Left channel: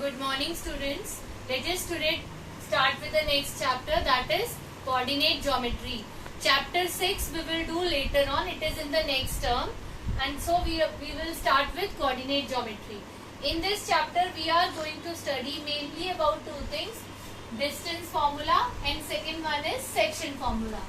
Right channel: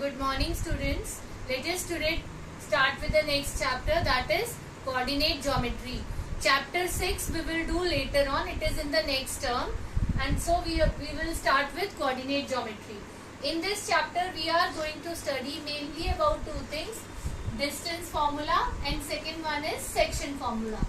Good morning, students. Let us today start with the next chapter, that is coordinate geometry. Chapter 6 we will do later on. It is in the next term, and so we will start with coordinate geometry. In this chapter we are going to study mainly about two things: distance formula, and second one is section formula.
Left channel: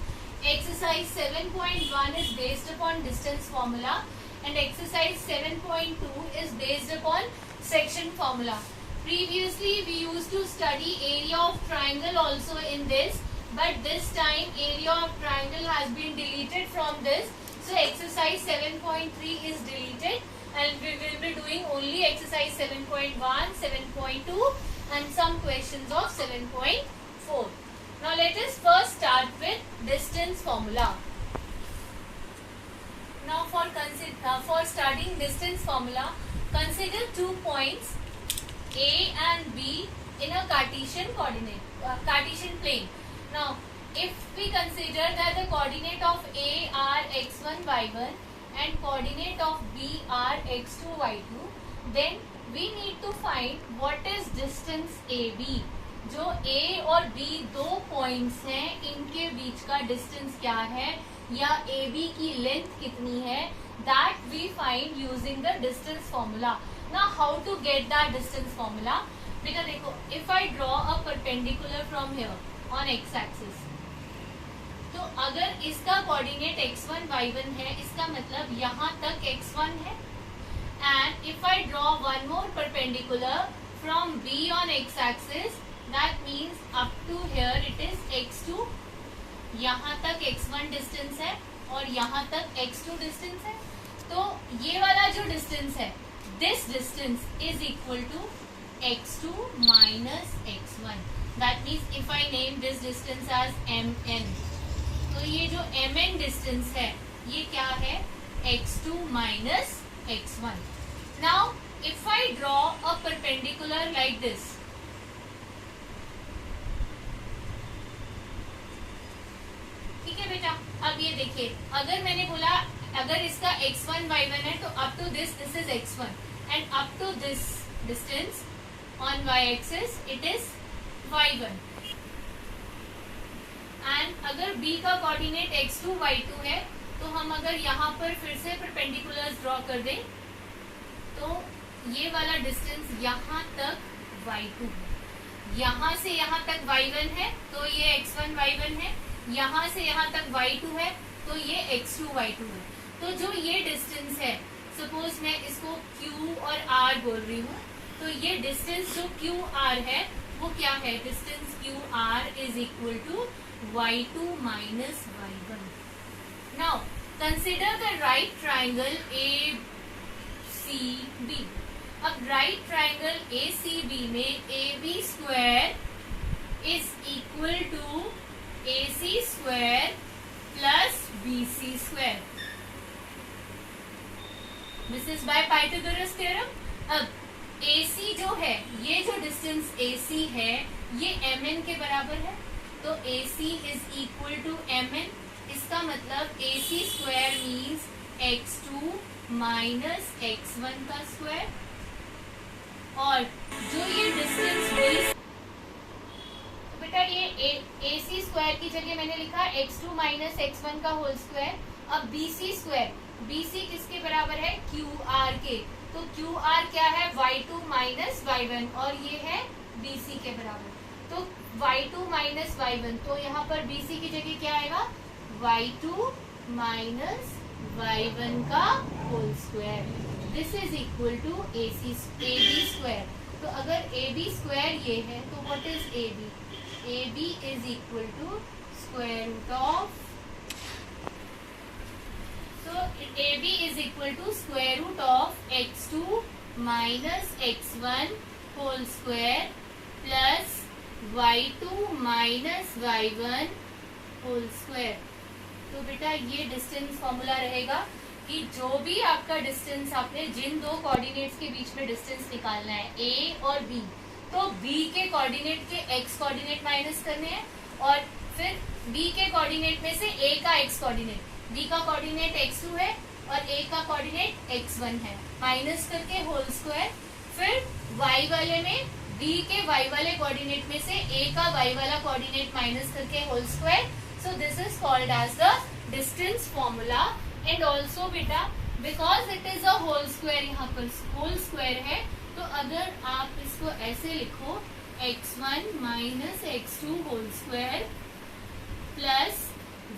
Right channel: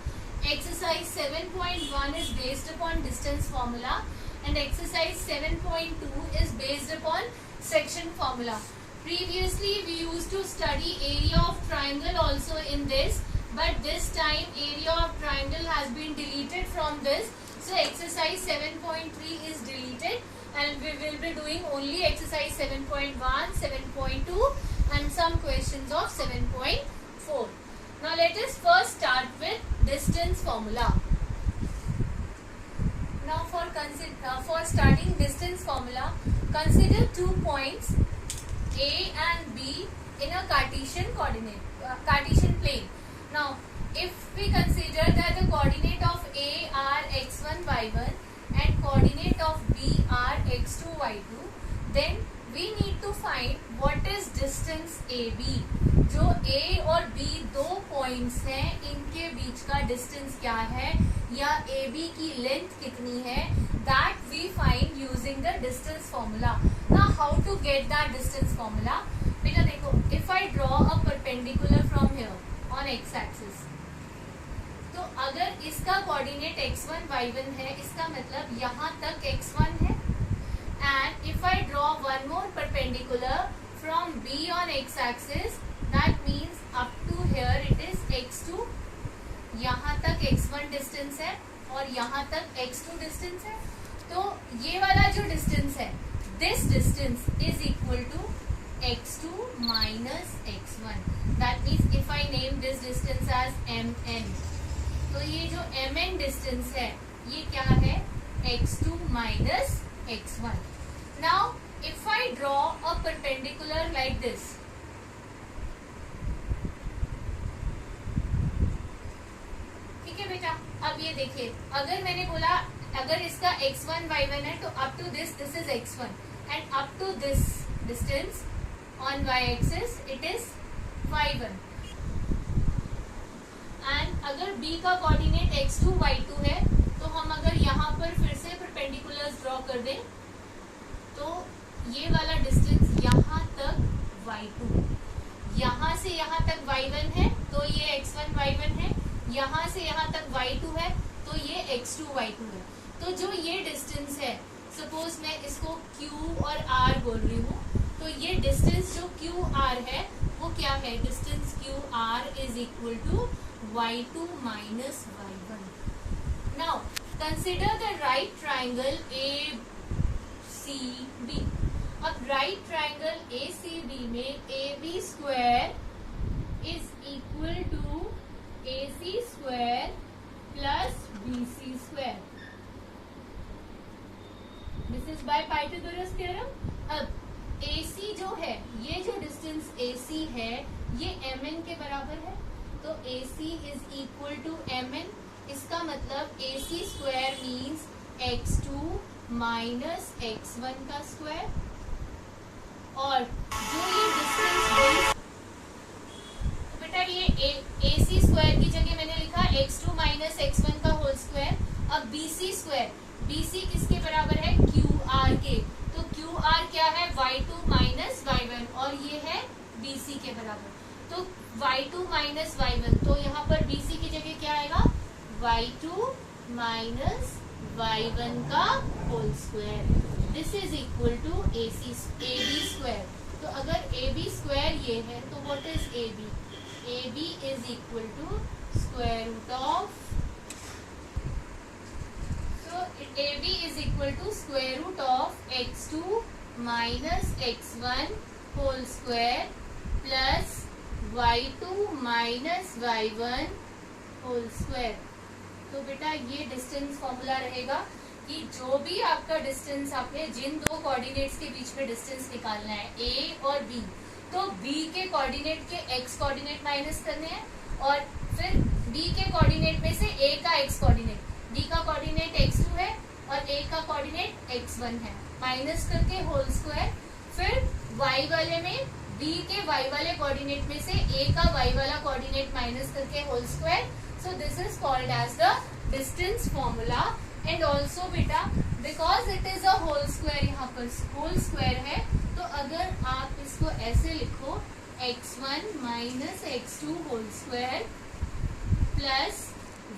Exercise 7.1 is based upon distance formula, and exercise 7.2 is based upon section formula. Previously we used to study area of triangle also in this, but this time area of triangle has been deleted from this, so exercise 7.3 is deleted, and we will be doing only exercise 7.1, 7.2 and some questions of 7.4. Now let us first start with distance formula. Now for starting distance formula, consider 2 points A and B in a Cartesian Cartesian plane. Now, if we consider that the coordinate of A are x1, y1 and coordinate of B are x2, y2, then we need to find what is distance AB. जो A और B दो points हैं, इनके बीच का distance क्या है या AB की लेंथ कितनी है, that we find using the distance formula. Now how to get that distance formula? बेटा देखो, if I draw a perpendicular from here on x-axis, तो अगर इसका कोऑर्डिनेट x1, y1 है, इसका मतलब यहाँ तक x1 है, and if I draw one more perpendicular from B on x-axis, that means up to here it is x2, यहाँ तक x1 डिस्टेंस है और यहाँ तक x2 डिस्टेंस है, तो ये वाला जो डिस्टेंस है, this distance is equal to x2 minus x1. That means if I name this distance as mn, तो ये जो mn डिस्टेंस है, ये क्या है, x2 minus x1. Now if I draw a perpendicular like this, ठीक है बेटा. अब ये देखिए, अगर मैंने बोला अगर इसका x1 y1 है, तो up to this is x1 and up to this distance on y axis it is y1, and अगर B का कोऑर्डिनेट x2 y2 है, तो हम अगर यहाँ पर फिर से परपेंडिकुलर्स ड्रॉ कर दें, तो ये वाला डिस्टेंस यहाँ तक y2, यहाँ से यहाँ तक y1 है, तो ये x1 y1 है, यहाँ से यहाँ तक y2 है, तो ये x2 y2 है. तो जो ये डिस्टेंस है, सपोज मैं इसको q और r बोल रही हूँ, तो ये डिस्टेंस जो QR है वो क्या है, distance QR is equal to y2 minus y1. Now consider the right triangle ACB. अब राइट ट्राइंगल ACB में AB square is equal to AC square plus BC square. This is by Pythagoras theorem. अब AC जो है, ये जो distance AC है, ये mn के बराबर है, तो AC is equal to mn. इसका मतलब AC square means x2 minus x1 का स्क्वायर, और जो ये डिस्टेंस बेटा ये AC स्क्वायर की जगह मैंने लिखा x2 माइनस x1 का होल स्क्वायर. अब BC स्क्वायर, BC किसके बराबर है, QR के, तो QR क्या है, y2 माइनस y1, और ये है BC के बराबर, तो y2 माइनस y1, तो यहाँ पर BC की जगह क्या आएगा, y2 माइनस y1 का whole square. This is equal to AB square. तो अगर AB स्क्वायर ये है, तो what is AB? AB is equal to square root of, AB is equal to square root of x2 minus x1 whole square plus y2 minus y1 whole square. तो बेटा ये distance formula रहेगा कि जो भी आपका डिस्टेंस, आपने जिन दो कोऑर्डिनेट्स के बीच में डिस्टेंस निकालना है A और B, तो B के कोऑर्डिनेट के x कोऑर्डिनेट माइनस करने हैं, और फिर B के कोऑर्डिनेट में से A का x कोऑर्डिनेट, D का कोऑर्डिनेट x2 है और A का कोऑर्डिनेट x1 है, माइनस करके होल स्क्वायर, फिर y वाले में B के y वाले कोऑर्डिनेट में से A का y वाला कोऑर्डिनेट माइनस करके whole square. So this is called as the distance formula. And also बेटा because it is a whole square, यहाँ पर whole square है, तो अगर आप इसको ऐसे लिखो x1 minus x2 whole square plus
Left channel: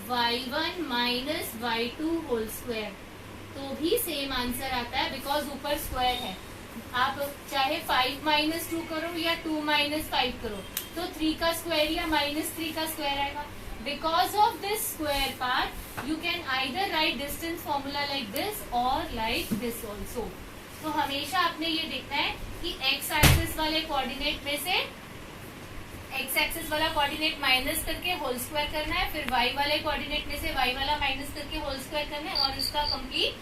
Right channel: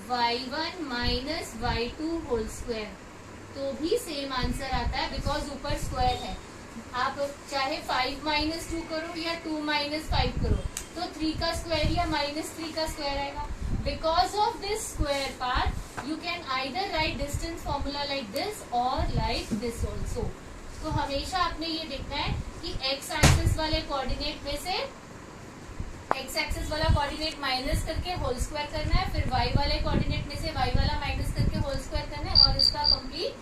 y1 minus y2 whole square, तो भी सेम आंसर आता है बिकॉज ऊपर स्क्वायर है. आप चाहे 5 माइनस 2 करो या 2 माइनस 5 करो तो 3 का स्क्वायर या माइनस 3 का स्क्वायर आएगा. Because of this square part you can either right distance formula like this और लाइक दिस ऑल्सो. तो हमेशा आपने ये देखना है कि एक्स एक्सिस वाले कोऑर्डिनेट में से एक्स एक्सिस वाला कोऑर्डिनेट माइनस करके होल स्क्वायर करना है, फिर वाई वाले कोऑर्डिनेट में से वाई वाला माइनस करके होल स्क्वायर करना है और इसका कंप्लीट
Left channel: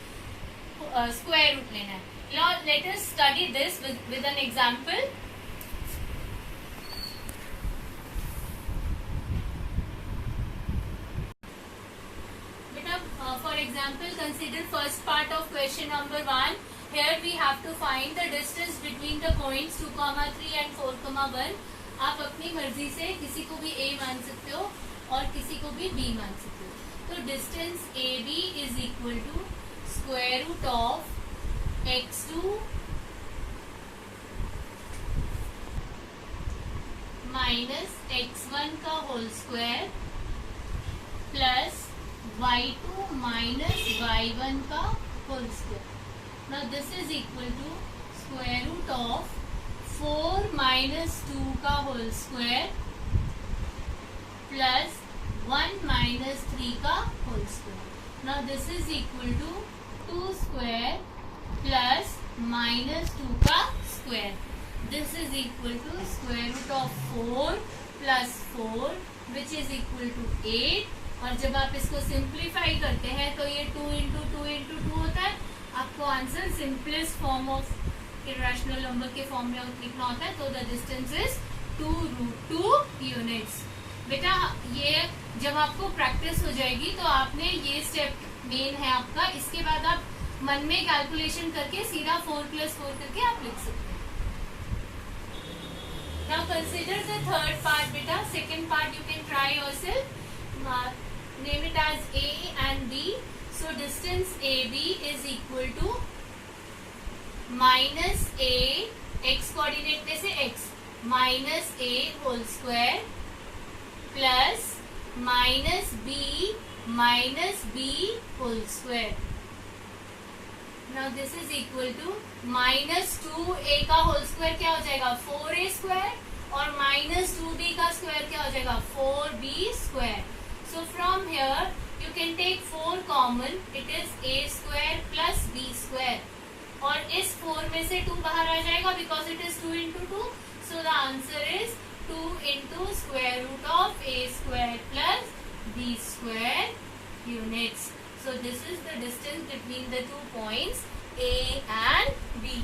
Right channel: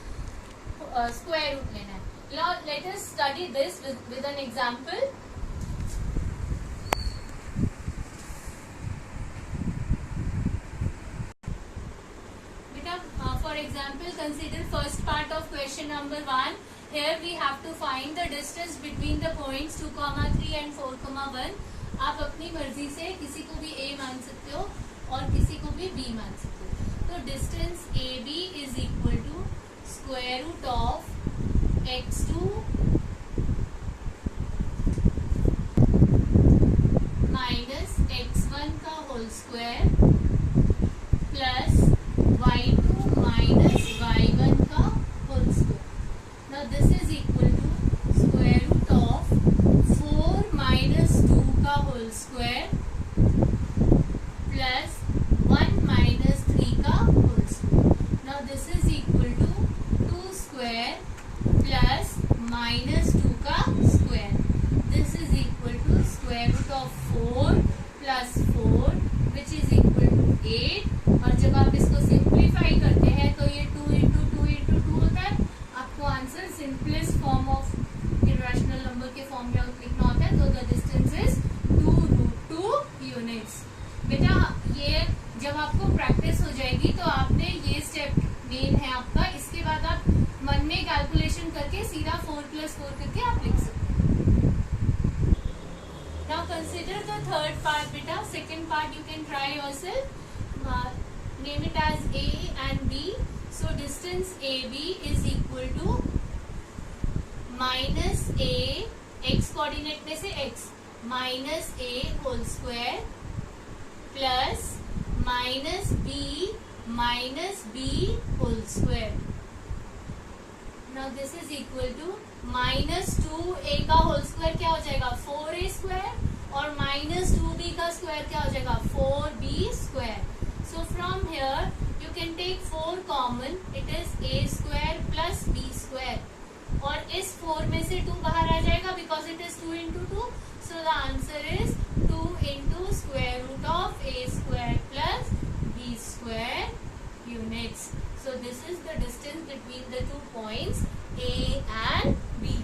स्क्वायर रूट लेना है. Now let us study this with an example. For example, consider first part of question number 1. Here we have to find the distance between the points 2, 3 and 4, 1. आप अपनी मर्जी से किसी को भी A मान सकते हो और किसी को भी B मान सकते हो. तो distance AB is equal to square root of x2 minus x1 का whole square plus y2 minus y1 का whole square. Now this is equal to square root of 4 minus 2 का होल स्क्वायर प्लस 1 माइनस 3 का whole square. Now this is equal to 2 square plus minus 2 का square. This is equal to square root of 4 plus 4 which is equal to 8. और जब आप इसको simplify करते हैं तो ये 2 इंटू 2 इंटू 2 होता है. आपको answer simplest form of irrational number के फॉर्म में लिखना होता है. तो द डिस्टेंस इज 2√2 यूनिट्स. बेटा ये जब आपको प्रैक्टिस हो जाएगी तो आपने ये स्टेप मेन है आपका. इसके बाद आप मन में कैलकुलेशन करके सीधा 4 + 4 करके आप लिख सकते हैं. Now consider the third part बेटा. Second part you can try yourself. Name it as A and B. So distance AB is equal to minus A x coordinate में से x minus A whole square plus minus B whole square. Now this is equal to minus 2A का whole square क्या हो जाएगा 4A square और minus 2B का square क्या हो जाएगा 4B square. So from here you can take 4 common. It is A square plus B square. और इस 4 में से 2 बाहर आ जाएगा because it is 2 into 2. So the answer is 2 into square root of A square plus B square units. So this is the distance between the 2 points A and B.